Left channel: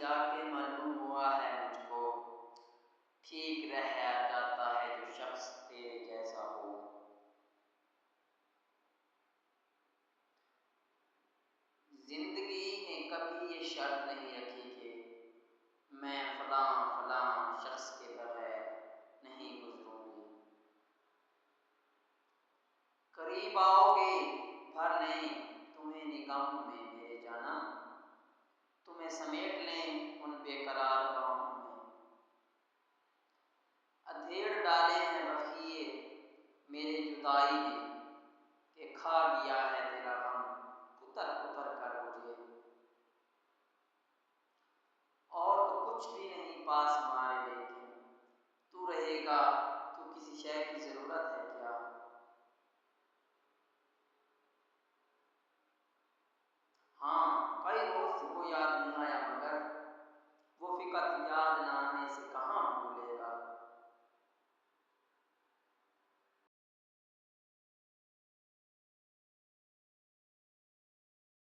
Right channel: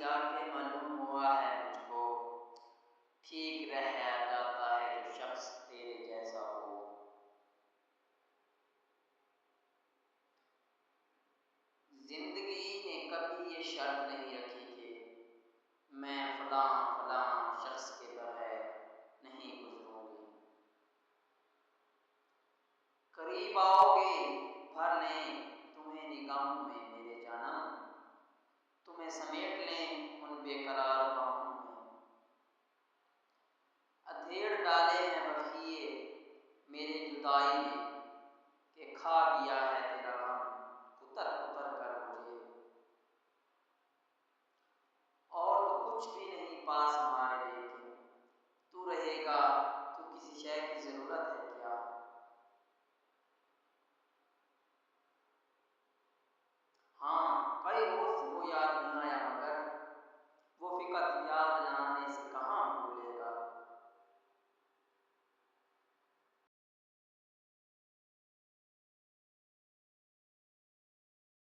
जाके मालूम हुआ है मुझको, ठीक रह जाता है जो शख्स तेरे जैसा हो। जिंदगी ने कभी ये शर्त नहीं रखी कि मैं फलां फलां शख्स के बगैर नहीं गुजरूंगी। करीब आओगे भर लें तुम्हें निगाहों में मेरे जानम, तुम्हें समेट लें उन बेकरार बाहों में। अधेड़ डाले हैं बखिए मेरे जुदाई ने, कि खा गया है तेरा गम कुतर कुतर कर मुझे। और तो कुछ भी नहीं पास हमारे, लेकिन तू रहेगा तो किसी शय की जरूरत है क्या। हाँ कई रोज से वो याद नहीं आया, मगर वो फिकत याद